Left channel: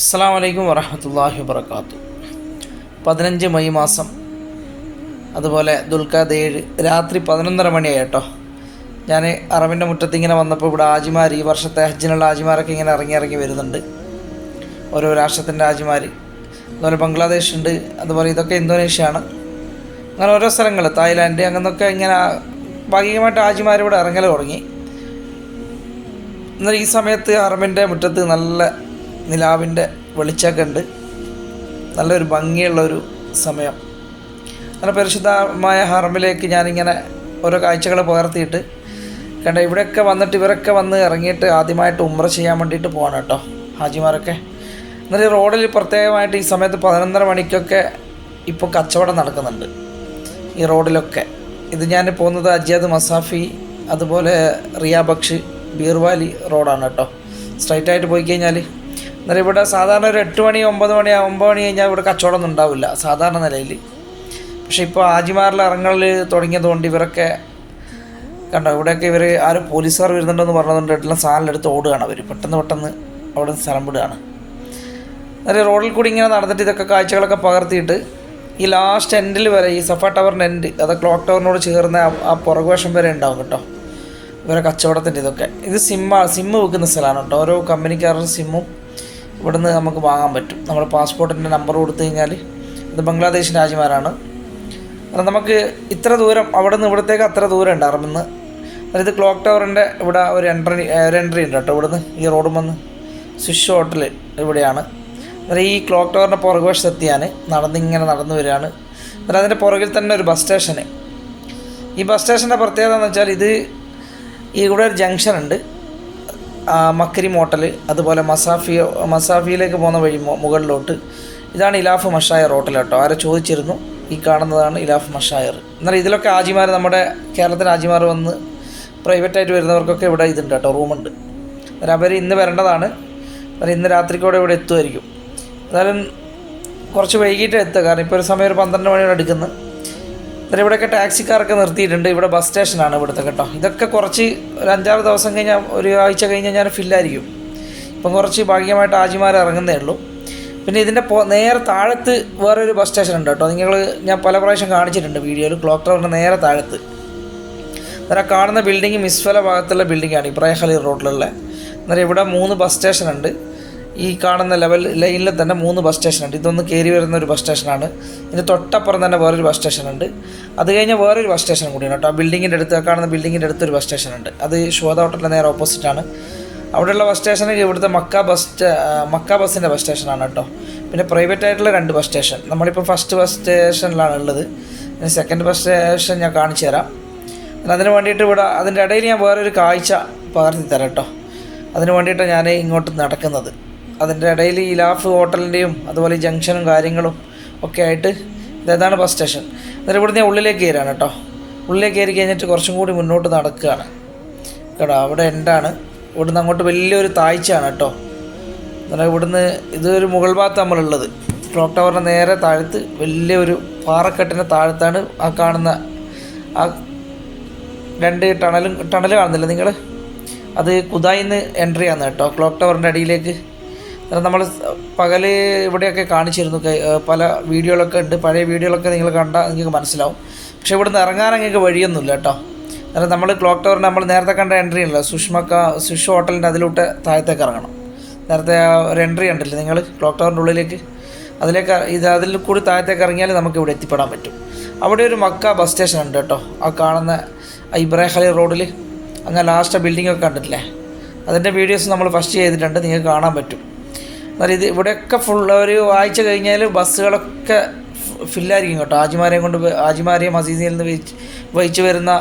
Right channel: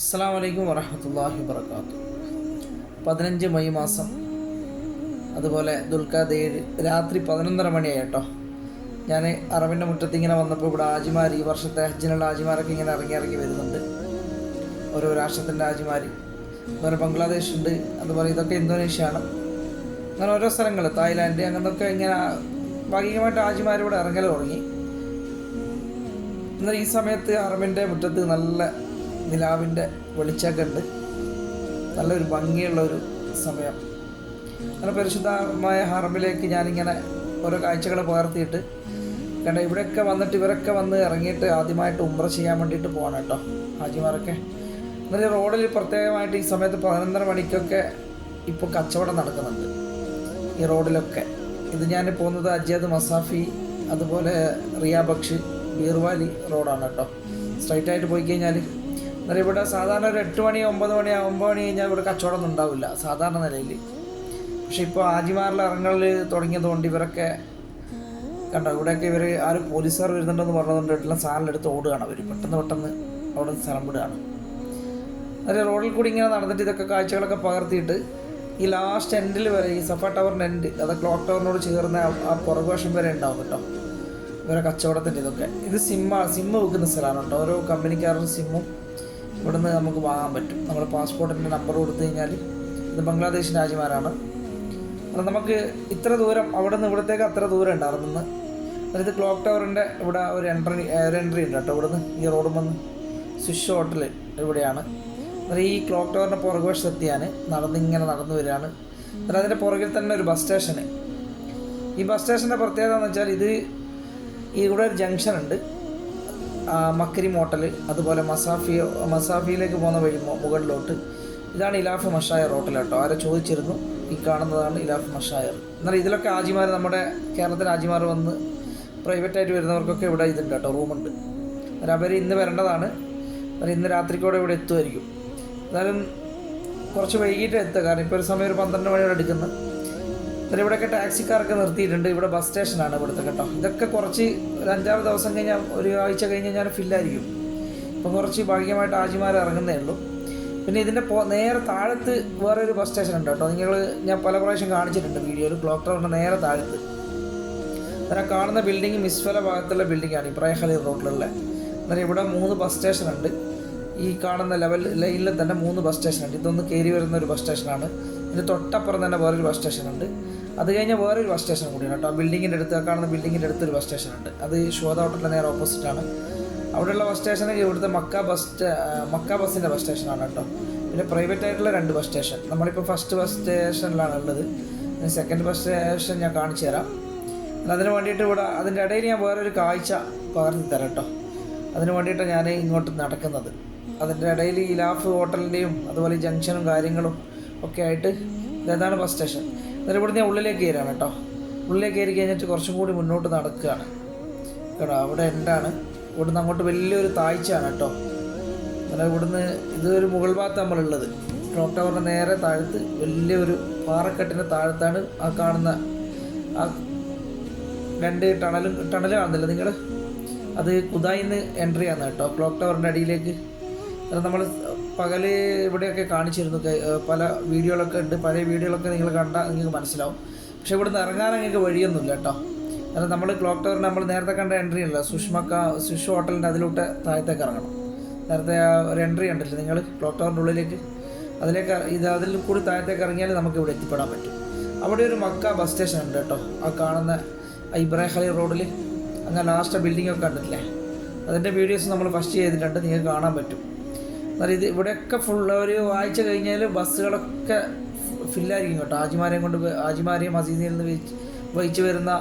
അസ്സാം വലൈക്കും വറഹമത്തല്ലാഹി വാത്തു പതിനഞ്ച് മെയ് മാസം അതുപോലെ ദുൽഖാദ് ഏഴ് രാത്രി പതിനൊന്നര മണിയായി കേട്ടോ ഞാൻ അറബിന്റെ മുറ്റത്ത് ഇങ്ങനെ വന്നപ്പോൾ ഇവിടെ ആജിമാർ ഈ വർഷത്തെ ഹജ്ജിനുള്ള ആജിമാരൊക്കെ ഇങ്ങനെ ഇറങ്ങി ഇറങ്ങി വരുന്നുണ്ട്. ഓരോ രാഷ്ട്രത്തിന്റെ ആജിമാർ അതുപോലെ ബംഗ്ലാദേശ് ഉണ്ട് അതുപോലെ ഇതൊക്കെ ഇന്തോനേഷ്യയാണ്. അങ്ങനെ ഓരോ സ്ഥലങ്ങൾ തായ്ലാൻഡ് അങ്ങനൊക്കെ ഇങ്ങനെ ഭാഗികമായിട്ട് ആജിമാർ ഇവിടെ ഇറങ്ങൽ തുടങ്ങി. എന്നാൽ ഈ സമയത്ത് അറബിന്റെ മുറ്റത്ത് നല്ല നിലാവിന്റെ വെളിച്ചമൊക്കെ ഉണ്ട്. നല്ലൊരു ഭംഗിയുള്ള ഒരു സമയം. നല്ല പരിശുദ്ധമായ ഹറമിലേക്ക് ഞാനിങ്ങനെ ഓരോ കാഴ്ചകൾ പകർത്തിയിട്ട് കണ്ട ഇവിടെയൊക്കെ വന്നിട്ട് ഇവരൊക്കെ വന്ന് ഇറങ്ങിയിട്ട് ആദ്യമായിട്ട് ഉമ്ര ചെയ്യാൻ വേണ്ടിയിട്ട് പോകണം കേട്ടോ ഹാജിമാരൊക്കെ. എന്നാൽ ഈ റോഡിൽ പ്രത്യേകമായിട്ട് ഈ സമയത്ത് പതിനൊന്നര മണിക്കൊക്കെ ഇപ്പോൾ കച്ചവടം നടക്കുന്നുണ്ട് ഈ റോഡിലൊക്കെ. ഇത് ഞാൻ പോകുന്നത് അജിയാദ് മസാഫി അതുപോലെ റിയാബക്ഷ് ബീർവാലി റോഡാണ് കേട്ടോ. സ്ട്രൈറ്റായിട്ട് പോയി കഴിഞ്ഞാൽ എന്നാൽ ഇവിടെ സാധാരണ ഒരു എട്ട് മണി ഒമ്പത് മണി ഒമ്പത് മണി കഴിഞ്ഞാൽ ഇവിടെ കച്ചവടമൊന്നും ഉണ്ടാവില്ല സാധാരണ നിലയിൽ പക്ഷെ ഇപ്പോൾ ആജിമാരിൽ ഇറങ്ങൽ തുടങ്ങിയതുകൊണ്ട് ഇവരൊക്കെ കണ്ടോ ഇവിടെയൊക്കെ ഇവർ ആരും പോലീസുകാർ വരുന്നുണ്ടെന്ന് പറഞ്ഞതുകൊണ്ട് എല്ലാം സാധനം എടുത്ത് ഓടുകയാണ് അവർ പെട്ടെന്ന് പെട്ടെന്ന് അവിടെ സ്ഥലം വിടുകയാണ്. എന്നാലും റോഡിൽ കൂടി ഇങ്ങനെ നടന്നിട്ട് ഇതൊക്കെ കാഴ്ചകളൊക്കെ പകർത്തിയിട്ട് ഈ ലാസ്റ്റ് എൻഡിൽ വരെ ഈ സഫ ടവറിന്റെ എൻഡ് അത് ക്ലോക്ക് ടവറിനോട് ചേർന്ന ആ പുറകുവശം വരെ ഉണ്ടാവും കേട്ടോ. ഇവരെ കച്ചവടത്തിന്റെ ഇതൊക്കെ. ഇത് സിമ്മ സിമ്മ് വെക്കുന്ന സ്ഥലമാണ് കേട്ടോ. ഓരോ കമ്പനിക്കാരുടെ സിമ്മും ഇവിടുന്ന് നമുക്ക് വാങ്ങാൻ പറ്റും. നമ്മുടെ പാസ്പോർട്ടിന്റെ നമ്പർ കൊടുത്തു കഴിഞ്ഞാൽ ഇത് ബംഗ്ലാദേശ് രാജ്യമാരാണ്. നമുക്ക് ഇത്ര ദൂരം അവിടെ നിന്ന് ഇവിടത്തേക്ക് അത്ര ദൂരം ഉണ്ട് അറമെന്ന് അതായത് ക്ലോക്ക് ടവറിന്റെ ഇവിടെ ഒരു എൻട്രി ഒരു എൻട്രി ഉണ്ട് കേട്ടോ ഇവിടുന്ന്. ഈ റോഡ് വന്ന് സ്വിഷ് ഹോട്ടൽ ഇവിടെയാണ്. അതായത് ഈ ക്ലോക്ക് ടവറിന്റെ പുറകുവശത്ത് നടന്ന് നടന്നിങ്ങനെ നടന്നു വരികയാണ്. അതായത് അതിന്റെ പുറകിൽ തന്നെ ഒരു ബസ് സ്റ്റേഷന് ഈ ബസ് സ്റ്റേഷന്റെ പ്രത്യേകത എന്ന് വെച്ചാൽ ഇത് ഈ ഇവിടെ ഒരു ജംഗ്ഷൻ ഉണ്ട്. മക്കരി മോട്ടൽ അതുപോലെ മസാഫിയ മസാഫിയിലേക്ക് പോകുന്ന വഴി മുകളിലോട്ട്. ഇതാണ് ഇലാഫ് മഷായർ ഹോട്ടൽ കേട്ടോ. ആരെ ചോദിച്ചിരുന്നു. ഈ കാണുന്നതാണ് ഇലാഫ് മഷായർ. എന്നാൽ ഇതിലൊക്കെ ആജിമാർ നമ്മുടെ കേരളത്തിലെ ആജിമാർ വന്ന് പ്രൈവറ്റായിട്ട് വരുന്നവർക്കൊക്കെ ഇവിടെ ഇതുണ്ട് കേട്ടോ റൂമുണ്ട്. എന്നാൽ അവർ ഇന്ന് വരേണ്ടതാണ്. അവർ ഇന്ന് രാത്രിക്കൂടെ ഇവിടെ എത്തുമായിരിക്കും. എന്നാലും കുറച്ച് വൈകിട്ട് എത്തുക. കാരണം ഇപ്പോൾ ഒരു സമയം ഒരു പന്ത്രണ്ട് മണിയോടെ എടുക്കുന്നു. എന്നിട്ട് ഇവിടെയൊക്കെ ടാക്സിക്കാരൊക്കെ നിർത്തിയിട്ടുണ്ട്. ഇവിടെ ബസ് സ്റ്റേഷനാണ് ഇവിടുത്തെ കേട്ടോ. ഇതൊക്കെ കുറച്ച് ഒരു അഞ്ചാറ് ദിവസം കഴിഞ്ഞാൽ ഒരു ആഴ്ച കഴിഞ്ഞാൽ ഞാൻ ഫില്ലായിരിക്കും. ഇപ്പം കുറച്ച് ഭാഗ്യമായിട്ട് ആജിമാർ ഇറങ്ങുന്നേ ഉള്ളൂ. പിന്നെ ഇതിന്റെ നേരെ താഴത്ത് വേറൊരു ബസ് സ്റ്റേഷൻ ഉണ്ട് കേട്ടോ. നിങ്ങൾ ഞാൻ പല പ്രാവശ്യം കാണിച്ചിട്ടുണ്ട് വീഡിയോയിൽ. ക്ലോക്ക് ടവറിന്റെ നേരെ താഴത്ത്. അന്നേരം കാണുന്ന ബിൽഡിംഗ് മിസ്ഫല ഭാഗത്തുള്ള ബിൽഡിംഗാണ് ഇബ്രാഹിം ഖലീൽ റോഡിലുള്ള അന്നേരം ഇവിടെ മൂന്ന് ബസ് സ്റ്റേഷൻ ഉണ്ട് ഈ കാണുന്ന ലെവൽ ലൈനിൽ തന്നെ മൂന്ന് ബസ് സ്റ്റേഷൻ ഉണ്ട്. ഇതൊന്ന് കയറി വരുന്ന ഒരു ബസ് സ്റ്റേഷനാണ് ഇതിന് തൊട്ടപ്പുറം തന്നെ വേറൊരു ബസ് സ്റ്റേഷൻ ഉണ്ട്. അത് കഴിഞ്ഞ് വേറൊരു ബസ് സ്റ്റേഷൻ കൂടിയാണ് കേട്ടോ. ആ ബിൽഡിങ്ങിന്റെ അടുത്ത് കാണുന്ന ബിൽഡിങ്ങിന്റെ അടുത്തൊരു ബസ് സ്റ്റേഷൻ ഉണ്ട്. അത് ശോധ ഹോട്ടലിന്റെ നേരെ ഓപ്പോസിറ്റാണ് അവിടെയുള്ള ബസ് സ്റ്റേഷൻ ഇവിടുത്തെ മക്ക ബസ് മക്ക ബസ്സിന്റെ ബസ് സ്റ്റേഷനാണ് കേട്ടോ. പിന്നെ പ്രൈവറ്റ് ആയിട്ടുള്ള രണ്ട് ബസ് സ്റ്റേഷൻ നമ്മളിപ്പോൾ ഫസ്റ്റ് ബസ് സ്റ്റേഷനിലാണ് ഉള്ളത്. സെക്കൻഡ് ബസ് സ്റ്റേഷൻ ഞാൻ കാണിച്ചു തരാം. അതിന് വേണ്ടിയിട്ട് ഇവിടെ അതിന്റെ ഇടയിൽ ഞാൻ വേറൊരു കാഴ്ച പകർത്തി തരാം കേട്ടോ. അതിന് വേണ്ടിയിട്ടാണ് ഞാൻ ഇങ്ങോട്ട് നടക്കുന്നത്. അതിന്റെ ഇടയിൽ ഈ ലാഫ് ഹോട്ടലിന്റെയും അതുപോലെ ജംഗ്ഷനും കാര്യങ്ങളും ഒക്കെ ആയിട്ട് ഇതാണ് ബസ് സ്റ്റേഷൻ എന്നിട്ട് ഇവിടുന്ന് ഉള്ളിലേക്ക് കയറാണ് കേട്ടോ. ഉള്ളിലേക്ക് കയറി കഴിഞ്ഞിട്ട് കുറച്ചും കൂടി മുന്നോട്ട് നടക്കുകയാണ്. കേട്ടോ അവിടെ എൻഡാണ് ഇവിടുന്ന് അങ്ങോട്ട് വലിയൊരു താഴ്ചയാണ് കേട്ടോ. എന്നാൽ ഇവിടുന്ന് ഇതൊരു മുകൾ ഭാഗത്ത് നമ്മളുള്ളത്. ക്ലോക്ക് ടവറിന്റെ നേരെ താഴത്ത് വലിയൊരു പാറക്കെട്ടിന്റെ താഴത്താണ് ആ കാണുന്ന ആ രണ്ട് ടണലും ടണൽ കാണുന്നില്ല നിങ്ങൾ അത് കുതായിന്ന് എൻട്രി ആണ് കേട്ടോ. ക്ലോക്ക് ടവറിന്റെ അടിയിലേക്ക് നമ്മൾ പകൽ ഇവിടെയൊക്കെ കാണിച്ചിരുന്നു. പല വീഡിയോകളൊക്കെ ഉണ്ട്. പഴയ വീഡിയോകളൊക്കെ നിങ്ങൾ കണ്ടാൽ നിങ്ങൾക്ക് മനസ്സിലാവും. പക്ഷേ ഇവിടെ നിന്ന് ഇറങ്ങാൻ നിങ്ങൾക്ക് വഴിയൊന്നുമില്ല കേട്ടോ. കാരണം നമ്മൾ ക്ലോക്ക് ടവറിന് നമ്മൾ നേരത്തെ കണ്ട എൻട്രി ഉണ്ടല്ലോ. സുഷ്മക്ക സുഷ് ഹോട്ടലിന്റെ അതിലൂട്ട് താഴത്തേക്ക് ഇറങ്ങണം. നേരത്തെ ഒരു എൻട്രി ഉണ്ടല്ലോ നിങ്ങൾ ക്ലോക്ക് ടവറിന്റെ ഉള്ളിലേക്ക്. അതിലേക്ക് ഇത് അതിൽ കൂടി താഴത്തേക്ക് ഇറങ്ങിയാൽ നമുക്ക് ഇവിടെ എത്തിപ്പെടാൻ പറ്റും. അവിടെ ഒരു മക്ക ബസ് സ്റ്റേഷൻ ഉണ്ട് കേട്ടോ. ആ കാണുന്ന ഇബ്രാഹലി റോഡിൽ അങ്ങനെ ലാസ്റ്റ് ബിൽഡിംഗ് ഒക്കെ കണ്ടിട്ടില്ലേ? അതിന്റെ വീഡിയോസ് നമ്മൾ ഫസ്റ്റ് ചെയ്തിട്ടുണ്ട്. നിങ്ങൾക്ക് കാണാൻ പറ്റും. എന്നാൽ ഇത് ഇവിടെയൊക്കെ ഫുൾ ഒരു വായിച്ചു കഴിഞ്ഞാൽ ബസ്സുകളൊക്കെ ഫില്ലായിരിക്കും കേട്ടോ. ആജിമാരെയും കൊണ്ട് ആജിമാരെയും മസീദിയിൽ നിന്ന് വഹിച്ച് വരുന്ന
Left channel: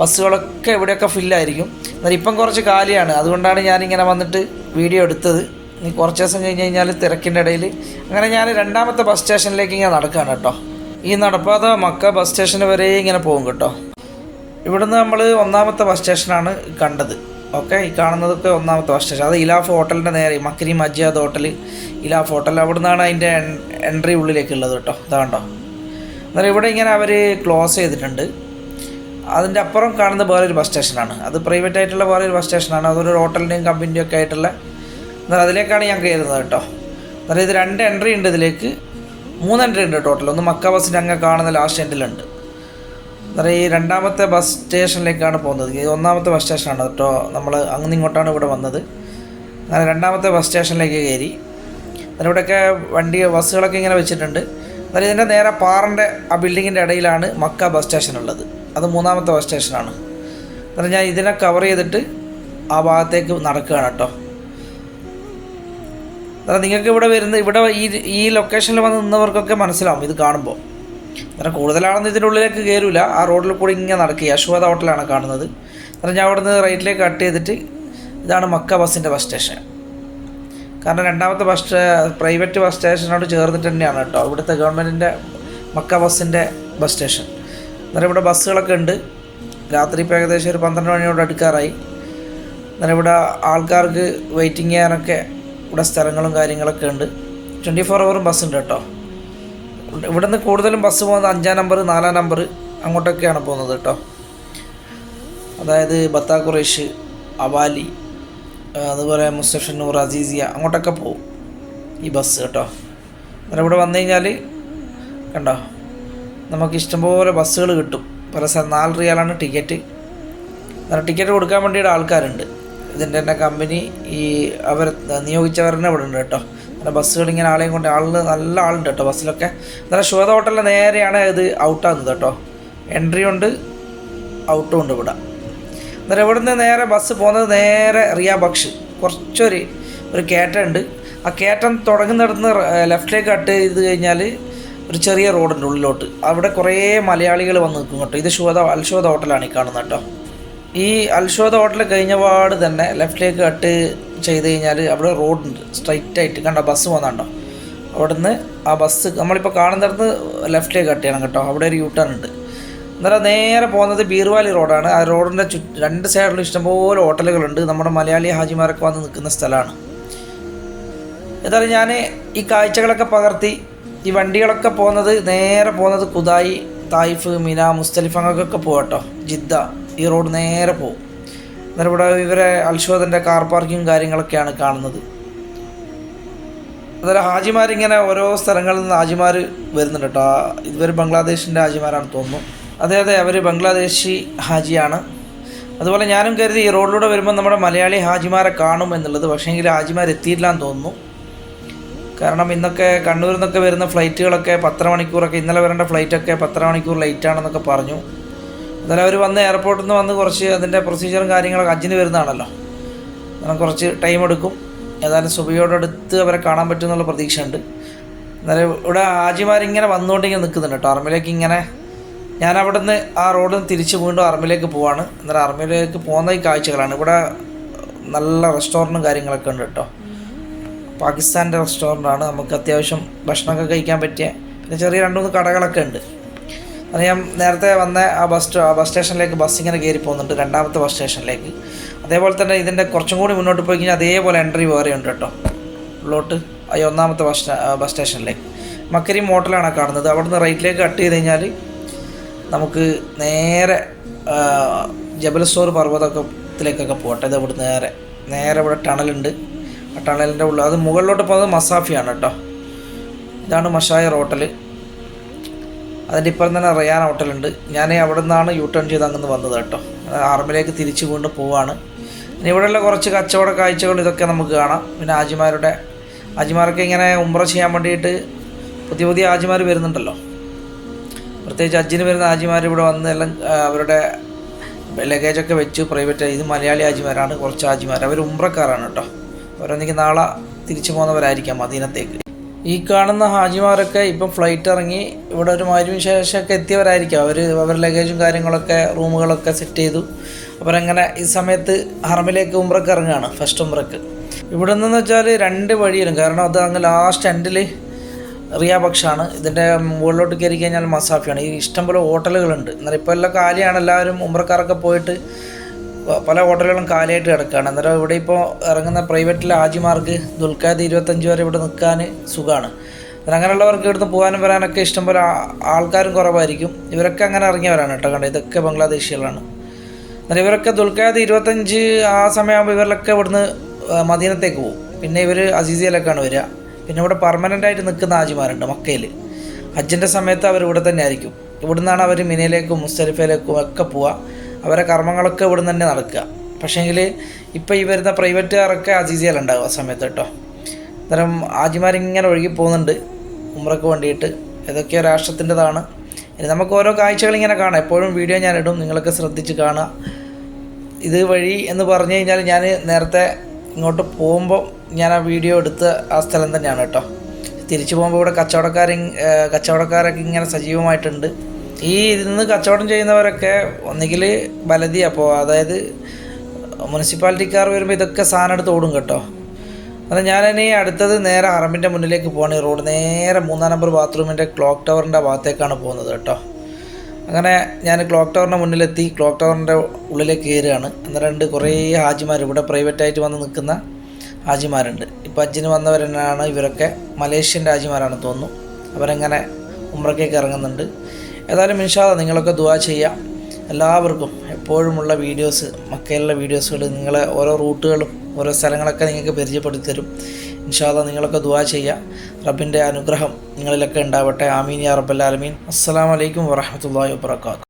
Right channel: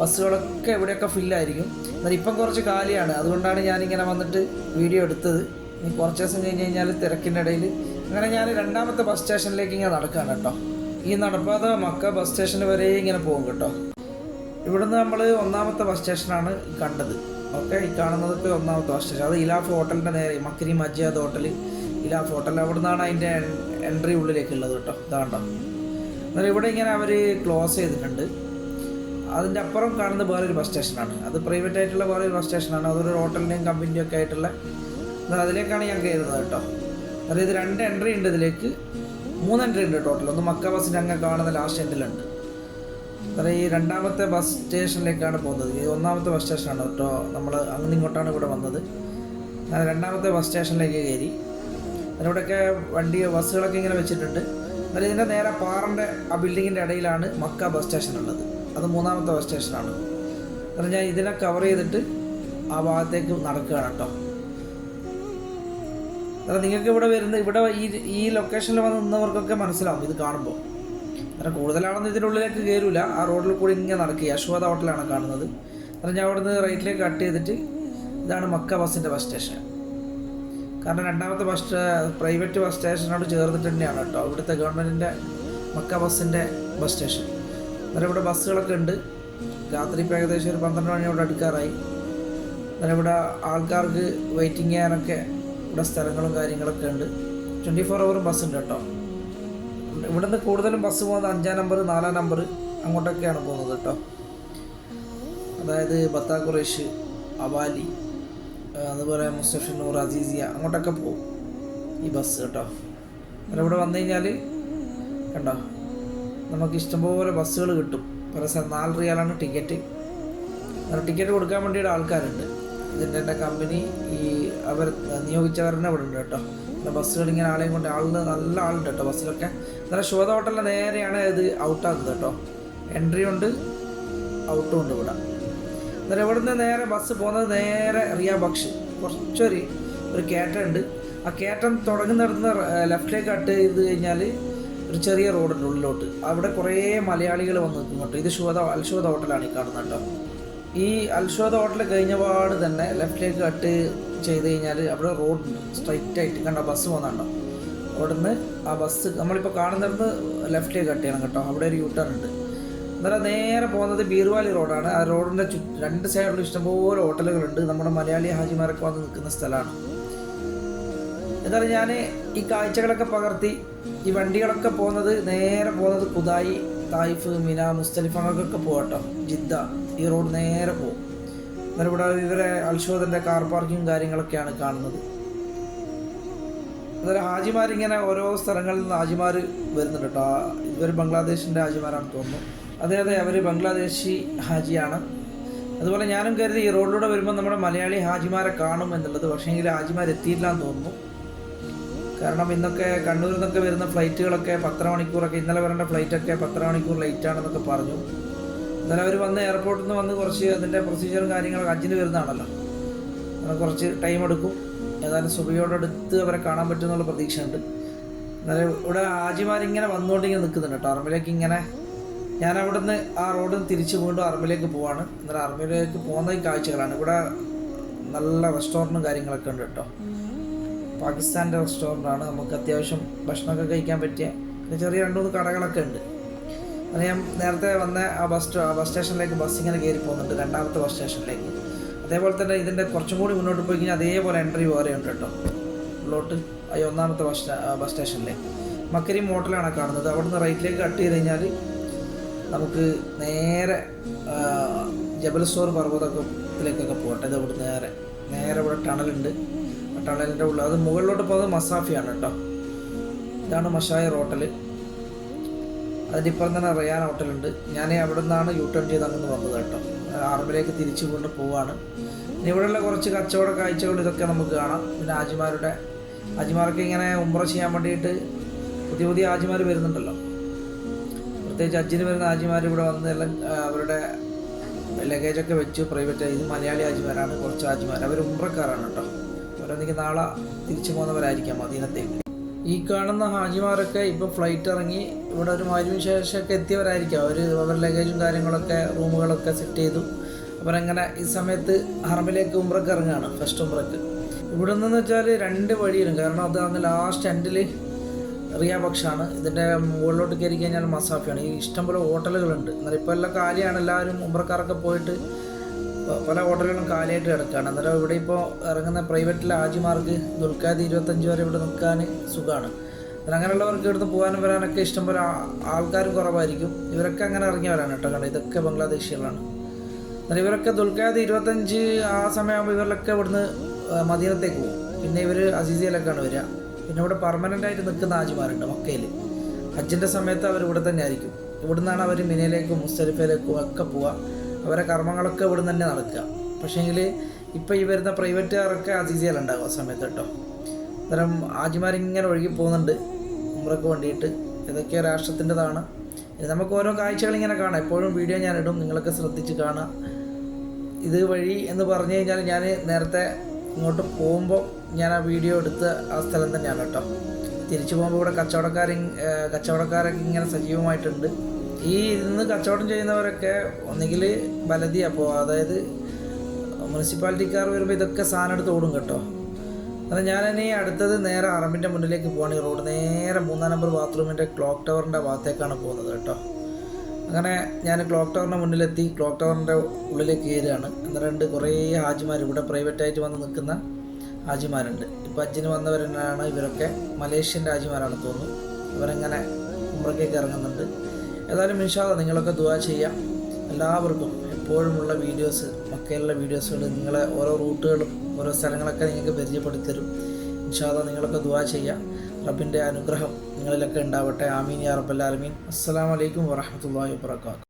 ബസ്സുകളൊക്കെ ഇവിടെയൊക്കെ ഫില്ലായിരിക്കും എന്നാൽ ഇപ്പം കുറച്ച് കാലിയാണ്. അതുകൊണ്ടാണ് ഞാനിങ്ങനെ വന്നിട്ട് വീഡിയോ എടുത്തത്. ഇനി കുറച്ച് ദിവസം കഴിഞ്ഞ് കഴിഞ്ഞാൽ തിരക്കിന്റെ ഇടയിൽ അങ്ങനെ ഞാൻ രണ്ടാമത്തെ ബസ് സ്റ്റേഷനിലേക്ക് ഇങ്ങനെ നടക്കുകയാണ് കേട്ടോ. ഈ നടപ്പാത മക്ക ബസ് സ്റ്റേഷന് വരെ ഇങ്ങനെ പോകും കേട്ടോ. ഇവിടുന്ന് നമ്മൾ ഒന്നാമത്തെ ബസ് സ്റ്റേഷനാണ് കണ്ടത്. ഓക്കെ ഈ കാണുന്നതൊക്കെ ഒന്നാമത്തെ സ്റ്റേഷൻ അത് ഇലാഫ് ഹോട്ടലിന്റെ നേരെ മക്കരി മജിയാദ് ഹോട്ടൽ ഇലാഫ് ഹോട്ടൽ. അവിടെ നിന്നാണ് അതിന്റെ എൻട്രി ഉള്ളിലേക്ക് ഉള്ളത് കേട്ടോ. ഇതാ കണ്ടോ. അന്നേരം ഇവിടെ ഇങ്ങനെ അവർ ക്ലോസ് ചെയ്തിട്ടുണ്ട്. അതിന്റെ അപ്പുറം കാണുന്ന വേറൊരു ബസ് സ്റ്റേഷനാണ് അത് പ്രൈവറ്റ് ആയിട്ടുള്ള വേറൊരു ബസ് സ്റ്റേഷനാണ് അതൊരു ഹോട്ടലിന്റെയും കമ്പനിന്റെയും ഒക്കെ ആയിട്ടുള്ള. എന്നാൽ അതിലേക്കാണ് ഞാൻ കയറുന്നത് കേട്ടോ. എന്നാലും ഇത് രണ്ട് എൻട്രി ഉണ്ട് ഇതിലേക്ക്. മൂന്ന് എൻട്രി ഉണ്ട് ടോട്ടൽ ഒന്ന് മക്ക ബസ്സിന്റെ അങ്ങ് കാണുന്ന ലാസ്റ്റ് എൻഡിലുണ്ട് അതായത് ഈ രണ്ടാമത്തെ ബസ് സ്റ്റേഷനിലേക്കാണ് പോകുന്നത്. ഇത് ഒന്നാമത്തെ ബസ് സ്റ്റേഷനാണ് കേട്ടോ നമ്മൾ അങ്ങനെ ഇങ്ങോട്ടാണ് ഇവിടെ വന്നത്. അങ്ങനെ രണ്ടാമത്തെ ബസ് സ്റ്റേഷനിലേക്ക് കയറി. ഇവിടെയൊക്കെ വണ്ടി ബസ്സുകളൊക്കെ ഇങ്ങനെ വെച്ചിട്ടുണ്ട്. എന്നാൽ ഇതിന്റെ നേരെ പാറന്റെ ആ ബിൽഡിങ്ങിന്റെ ഇടയിലാണ് മക്ക ബസ് സ്റ്റേഷൻ ഉള്ളത് അത് മൂന്നാമത്തെ ബസ് സ്റ്റേഷനാണ് അന്നേരം ഞാൻ ഇതിനെ കവർ ചെയ്തിട്ട് ആ ഭാഗത്തേക്ക് നടക്കുകയാണ് കേട്ടോ എന്നാൽ നിങ്ങൾക്ക് ഇവിടെ വരുന്ന ഇവിടെ ഈ ഈ ലൊക്കേഷനിൽ വന്ന് നിന്നവർക്കൊക്കെ മനസ്സിലാവും ഇത് കാണുമ്പോൾ അന്നേരം കൂടുതലാണെന്ന് ഇതിന്റെ ഉള്ളിലേക്ക് കയറില്ല ആ റോഡിൽ കൂടി ഇങ്ങനെ നടക്കുക. യശോദ ഹോട്ടലാണ് കാണുന്നത്. അന്നേരം ഞാൻ അവിടെ നിന്ന് റൈറ്റിലേക്ക് കട്ട് ചെയ്തിട്ട് ഇതാണ് മക്ക ബസ്സിന്റെ ബസ് സ്റ്റേഷൻ. കാരണം രണ്ടാമത്തെ ബസ് പ്രൈവറ്റ് ബസ് സ്റ്റേഷനോട് ചേർന്നിട്ട് തന്നെയാണ് കേട്ടോ ഇവിടുത്തെ ഗവൺമെന്റിന്റെ മക്ക ബസ്സിന്റെ ബസ് സ്റ്റേഷൻ. അന്നേരം ഇവിടെ ബസ്സുകളൊക്കെ ഉണ്ട്. രാത്രി ഇപ്പോൾ ഏകദേശം ഒരു പന്ത്രണ്ട് മണിയോട് അടുക്കാറായി. അന്നേരം ഇവിടെ ആൾക്കാർക്ക് വെയിറ്റിംഗ് ചെയ്യാനൊക്കെ ഇവിടെ സ്ഥലങ്ങളും കാര്യങ്ങളൊക്കെ ഉണ്ട്. ട്വന്റി ഫോർ അവറും ബസ് ഉണ്ട് കേട്ടോ. ഇവിടുന്ന് കൂടുതലും ബസ് പോകുന്നത് അഞ്ചാം നമ്പർ നാലാം നമ്പർ അങ്ങോട്ടൊക്കെയാണ് പോകുന്നത് കേട്ടോ. അതായത് ബത്താ ഖുറേഷ് അവാലി അതുപോലെ അതുപോലെ മുസ്തഫന്നൂർ അസീസിയ അങ്ങോട്ടൊക്കെ പോകും ഈ ബസ് കേട്ടോ. അന്നേരം ഇവിടെ വന്നു കഴിഞ്ഞാൽ കണ്ടോ നമുക്ക് ഇഷ്ടംപോലെ ബസ്സുകൾ കിട്ടും. പല സ്ഥലം നാല് റിയാലാണ് ടിക്കറ്റ്. അന്നേരം ടിക്കറ്റ് കൊടുക്കാൻ വേണ്ടിയിട്ട് ആൾക്കാരുണ്ട്. ഇതിന്റെ തന്നെ കമ്പനി ഈ അവർ നിയോഗിച്ചവർ തന്നെ ഇവിടെ ഉണ്ട് കേട്ടോ. ബസ്സുകൾ ഇങ്ങനെ ആളെയും കൊണ്ട് ആളിൽ നല്ല ആളുണ്ട് കേട്ടോ ബസ്സിലൊക്കെ. നല്ല ശുഭത ഹോട്ടലിന്റെ നേരെയാണ് ഇത് ഔട്ടാകുന്നത് കേട്ടോ. എൻട്രി ഉണ്ട് ഔട്ടും ഉണ്ട് ഇവിടെ. അന്നേരം ഇവിടുന്ന് നേരെ ബസ് പോകുന്നത് നേരെ റിയ ബക്ഷ് കുറച്ചൊരു ഒരു കയറ്റം ഉണ്ട്. ആ കയറ്റം തുടങ്ങുന്നിടത്ത് ലെഫ്റ്റിലേക്ക് കട്ട് ചെയ്ത് കഴിഞ്ഞാൽ ഒരു ചെറിയ റോഡുണ്ട് ഉള്ളിലോട്ട്. അവിടെ കുറേ മലയാളികൾ വന്ന് നിൽക്കും കേട്ടോ. ഇത് ശുഭത അൽശോധ ഹോട്ടലാണ് ഈ കാണുന്നത് കേട്ടോ. ഈ അൽശോധ ഹോട്ടൽ കഴിഞ്ഞ പാട് തന്നെ ലെഫ്റ്റിലേക്ക് കട്ട് ചെയ്ത് കഴിഞ്ഞാൽ അവിടെ റോഡുണ്ട് സ്ട്രൈറ്റ് ആയിട്ട്. കണ്ടോ? ബസ് പോകുന്നുണ്ടോ അവിടുന്ന് ആ ബസ് നമ്മളിപ്പോൾ കാണുന്നിടത്ത് ലെഫ്റ്റിലേക്ക് കട്ട് ചെയ്യണം കേട്ടോ. അവിടെ ഒരു യൂ ടേൺ ഉണ്ട്. അന്നേരം നേരെ പോകുന്നത് ബീർവാലി റോഡാണ് ആ റോഡിന്റെ ചു രണ്ട് സൈഡിലും ഇഷ്ടംപോലെ ഹോട്ടലുകളുണ്ട് നമ്മുടെ മലയാളി ഹാജിമാരൊക്കെ വന്ന് നിൽക്കുന്ന സ്ഥലമാണ്. എന്തായാലും ഞാൻ ഈ കാഴ്ചകളൊക്കെ പകർത്തി ഈ വണ്ടികളൊക്കെ പോകുന്നത് നേരെ പോകുന്നത് കുതായി തായിഫ് മിന മുസ്തലിഫങ്ങൾക്കൊക്കെ പോകട്ടോ ജിദ്ദ. ഈ റോഡ് നേരെ പോകും. ഇവിടെ ഇവരെ അൽഷോദന്റെ കാർ പാർക്കിങ് കാര്യങ്ങളൊക്കെയാണ് കാണുന്നത്. അതുപോലെ ഹാജിമാരിങ്ങനെ ഓരോ സ്ഥലങ്ങളിൽ നിന്ന് ഹാജിമാർ വരുന്നുണ്ട് കേട്ടോ. ഇവർ ബംഗ്ലാദേശിന്റെ ഹാജിമാരാണ് തോന്നുന്നു. അതെ അതെ അവർ ബംഗ്ലാദേശി ഹാജിയാണ്. അതുപോലെ ഞാനും കരുതി ഈ റോഡിലൂടെ വരുമ്പോൾ നമ്മുടെ മലയാളി ഹാജിമാരെ കാണും എന്നുള്ളത്. പക്ഷേ പക്ഷേങ്കിൽ ഹാജിമാർ എത്തിയില്ല എന്ന് തോന്നുന്നു. കാരണം ഇന്നൊക്കെ കണ്ണൂരിൽ നിന്നൊക്കെ വരുന്ന ഫ്ലൈറ്റുകളൊക്കെ പത്തര മണിക്കൂറൊക്കെ ഇന്നലെ വരേണ്ട ഫ്ലൈറ്റൊക്കെ പത്തര മണിക്കൂർ ലൈറ്റാണെന്നൊക്കെ പറഞ്ഞു. എന്നാലും അവർ വന്ന് എയർപോർട്ടിൽ നിന്ന് വന്ന് കുറച്ച് അതിന്റെ പ്രൊസീജിയറും കാര്യങ്ങളൊക്കെ അജിന് വരുന്നതാണല്ലോ. അങ്ങനെ കുറച്ച് ടൈം എടുക്കും. ഏതായാലും സുബിയോടടുത്ത് അവരെ കാണാൻ പറ്റും എന്നുള്ള പ്രതീക്ഷയുണ്ട്. എന്നാലും ഇവിടെ ആജിമാരിങ്ങനെ വന്നുകൊണ്ടിങ്ങനെ നിൽക്കുന്നുണ്ട് കേട്ടോ. ആർമിലേക്ക് ഇങ്ങനെ ഞാൻ അവിടെ നിന്ന് ആ റോഡിൽ നിന്ന് തിരിച്ച് വീണ്ടും ആർമിലേക്ക് പോവാണ്. അന്നേരം ആർമിയിലേക്ക് പോകുന്ന ഈ കാഴ്ചകളാണ്. ഇവിടെ നല്ല റെസ്റ്റോറന്റും കാര്യങ്ങളൊക്കെ ഉണ്ട് കേട്ടോ. പാകിസ്ഥാന്റെ റെസ്റ്റോറന്റാണ് നമുക്ക് അത്യാവശ്യം ഭക്ഷണമൊക്കെ കഴിക്കാൻ പറ്റിയ പിന്നെ ചെറിയ രണ്ട് മൂന്ന് കടകളൊക്കെ ഉണ്ട്. അത് ഞാൻ നേരത്തെ വന്ന ആ ബസ് ആ ബസ് സ്റ്റേഷനിലേക്ക് ബസ് ഇങ്ങനെ കയറി പോകുന്നുണ്ട് രണ്ടാമത്തെ ബസ് സ്റ്റേഷനിലേക്ക് അതേപോലെ തന്നെ ഇതിന്റെ കുറച്ചും കൂടി മുന്നോട്ട് പോയി കഴിഞ്ഞാൽ അതേപോലെ എൻട്രി വേറെ ഉണ്ട് കേട്ടോ. ഉള്ളോട്ട് ഈ ഒന്നാമത്തെ ബസ് ബസ് സ്റ്റേഷനിലേക്ക് മക്കരി മോട്ടലാണ് കാണുന്നത്. അവിടുന്ന് റൈറ്റിലേക്ക് കട്ട് ചെയ്ത് കഴിഞ്ഞാൽ നമുക്ക് നേരെ ജബലസോർ പർവതത്തിലേക്കൊക്കെ പോകട്ടെ ഇത് ഇവിടെ നേരെ നേരെ ഇവിടെ ടണലുണ്ട്. ആ ടണലിന്റെ ഉള്ളിൽ അത് മുകളിലോട്ട് പോകുന്നത് മസാഫിയാണ് കേട്ടോ. ഇതാണ് മഷായ ഹോട്ടൽ അതിന്റെ ഇപ്പുറം തന്നെ റയാൻ ഹോട്ടലുണ്ട്. ഞാൻ അവിടെ നിന്നാണ് യു ടേൺ ചെയ്ത് അങ്ങനെ വന്നത് കേട്ടോ. ആർമിലേക്ക് തിരിച്ചു കൊണ്ട് പോവാണ്. പിന്നെ ഇവിടെയുള്ള കുറച്ച് കച്ചവട കാഴ്ചകൾ ഇതൊക്കെ നമുക്ക് കാണാം. പിന്നെ ആജിമാരുടെ ആജിമാർക്ക് ഇങ്ങനെ ഉംറ ചെയ്യാൻ വേണ്ടിയിട്ട് പുതിയ പുതിയ ആജിമാർ വരുന്നുണ്ടല്ലോ. പ്രത്യേകിച്ച് അജ്ജിന് വരുന്ന ആജിമാർ ഇവിടെ വന്ന് എല്ലാം അവരുടെ ലഗേജൊക്കെ വെച്ച് പ്രൈവറ്റ് ഇത് മലയാളി ആജിമാരാണ് കുറച്ച് ആജിമാർ അവർ ഉംറക്കാരാണ് കേട്ടോ. അവരൊന്നെങ്കിൽ നാളെ തിരിച്ചു പോകുന്നവരായിരിക്കാം മദീനത്തേക്ക്. ഈ കാണുന്ന ഹാജിമാരൊക്കെ ഇപ്പം ഫ്ലൈറ്റ് ഇറങ്ങി ഇവിടെ ഒരു മാരിവിന് ശേഷമൊക്കെ എത്തിയവരായിരിക്കും. അവർ അവർ ലഗേജും കാര്യങ്ങളൊക്കെ റൂമുകളൊക്കെ സെറ്റ് ചെയ്തു. അവരങ്ങനെ ഈ സമയത്ത് ഹർമിലേക്ക് ഉംറക്ക് ഇറങ്ങുകയാണ് ഫസ്റ്റ് ഉംറക്ക്. ഇവിടെ നിന്നെന്ന് വെച്ചാൽ രണ്ട് വഴിയിലും കാരണം അത് അങ്ങ് ലാസ്റ്റ് എൻഡിൽ റിയാബക്ഷാണ് ഇതിന്റെ മുകളിലോട്ട് കയറി കഴിഞ്ഞാൽ മസാഫിയാണ്. ഈ ഇഷ്ടംപോലെ ഹോട്ടലുകളുണ്ട്. എന്നാൽ ഇപ്പോൾ എല്ലാം കാലിയാണ് എല്ലാവരും ഉംറക്കാരൊക്കെ പോയിട്ട് പല ഹോട്ടലുകളും കാലിയായിട്ട് കിടക്കുകയാണ്. അന്നേരം ഇവിടെ ഇപ്പോൾ ഇറങ്ങുന്ന പ്രൈവറ്റിലെ ആജിമാർക്ക് ദുൽഖാദ് ഇരുപത്തഞ്ച് വരെ ഇവിടെ നിൽക്കാൻ സുഖമാണ് അന്നേരം അങ്ങനെയുള്ളവർക്ക് ഇവിടുന്ന് പോകാനും വരാനൊക്കെ ഇഷ്ടംപോലെ ആൾക്കാരും കുറവായിരിക്കും. ഇവരൊക്കെ അങ്ങനെ ഇറങ്ങിയവരാണ് കേട്ടോ കണ്ടത്. ഇതൊക്കെ ബംഗ്ലാദേശികളാണ്. എന്നാൽ ഇവരൊക്കെ ദുൽഖാദ് ഇരുപത്തഞ്ച് ആ സമയമാകുമ്പോൾ ഇവരിലൊക്കെ ഇവിടുന്ന് മദീനത്തേക്ക് പോകും. പിന്നെ ഇവർ അസീസിയിലൊക്കെയാണ് വരിക. പിന്നെ ഇവിടെ പെർമനന്റ് ആയിട്ട് നിൽക്കുന്ന ആജിമാരുണ്ട് മക്കയിൽ ഹജ്ജിന്റെ സമയത്ത് അവർ ഇവിടെ തന്നെ ആയിരിക്കും ഇവിടുന്നാണ് അവർ മിനയിലേക്കും മുസ്തലിഫയിലേക്കും ഒക്കെ പോവുക. അവരെ കർമ്മങ്ങളൊക്കെ ഇവിടെ തന്നെ നടക്കുക. പക്ഷേങ്കിൽ ഇപ്പോൾ ഈ വരുന്ന പ്രൈവറ്റുകാരൊക്കെ അസീസിയിലുണ്ടാവും ആ സമയത്ത് കേട്ടോ. അന്നേരം ആജിമാരിങ്ങനെ ഒഴുകി പോകുന്നുണ്ട് ഉമ്രക്ക് വേണ്ടിയിട്ട്. ഏതൊക്കെയോ രാഷ്ട്രത്തിന്റെതാണ്. ഇനി നമുക്ക് ഓരോ കാഴ്ചകൾ ഇങ്ങനെ കാണാം. എപ്പോഴും വീഡിയോ ഞാൻ ഇടും. നിങ്ങളൊക്കെ ശ്രദ്ധിച്ച് കാണുക. ഇത് വഴി എന്ന് പറഞ്ഞു കഴിഞ്ഞാൽ ഞാൻ നേരത്തെ ഇങ്ങോട്ട് പോകുമ്പോൾ ഞാൻ ആ വീഡിയോ എടുത്ത ആ സ്ഥലം തന്നെയാണ് കേട്ടോ. തിരിച്ചു പോകുമ്പോൾ ഇവിടെ കച്ചവടക്കാർ കച്ചവടക്കാരൊക്കെ ഇങ്ങനെ സജീവമായിട്ടുണ്ട്. ഈ ഇന്ന് കച്ചവടം ചെയ്യുന്നവരൊക്കെ ഒന്നുകിൽ ബലതി അപ്പോൾ അതായത് മുനിസിപ്പാലിറ്റിക്കാർ വരുമ്പോൾ ഇതൊക്കെ സാധനം എടുത്ത് ഓടും കേട്ടോ. അത് ഞാനിനി അടുത്തത് നേരെ അറമ്പിന്റെ മുന്നിലേക്ക് പോകണം ഈ റോഡ് നേരെ മൂന്നാം നമ്പർ ബാത്റൂമിന്റെ ക്ലോക്ക് ടവറിന്റെ ഭാഗത്തേക്കാണ് പോകുന്നത് കേട്ടോ. അങ്ങനെ ഞാൻ ക്ലോക്ക് ടവറിന്റെ മുന്നിലെത്തി. ക്ലോക്ക് ടവറിന്റെ ഉള്ളിലേക്ക് കയറുകയാണ്. അന്നേരം ഉണ്ട് കുറേ ഹാജിമാർ ഇവിടെ പ്രൈവറ്റായിട്ട് വന്ന് നിൽക്കുന്ന ഹാജിമാരുണ്ട്. ഇപ്പോൾ ഹജ്ജിന് വന്നവർ തന്നെയാണ് ഇവരൊക്കെ മലേഷ്യൻ ഹാജിമാരാണ് തോന്നുന്നു. അവരെങ്ങനെ ഉമ്രക്കേക്ക് ഇറങ്ങുന്നുണ്ട്. ഏതായാലും ഇൻഷാല്ല നിങ്ങളൊക്കെ ദുവാ ചെയ്യാം. എല്ലാവർക്കും എപ്പോഴുമുള്ള വീഡിയോസ് മക്കയിലുള്ള വീഡിയോസുകൾ നിങ്ങളെ ഓരോ റൂട്ടുകളും ഓരോ സ്ഥലങ്ങളൊക്കെ നിങ്ങൾക്ക് പരിചയപ്പെടുത്തി തരും ഇൻഷാല്ല നിങ്ങളൊക്കെ ദുവാ ചെയ്യാം. റബ്ബിന്റെ അനുഗ്രഹം നിങ്ങളിലൊക്കെ ഉണ്ടാവട്ടെ. ആമീൻ യാ റബ്ബൽ ആലമീൻ. അലൈക്കും വറഹ്മത്തുള്ളാഹി വബറകാതുഹു.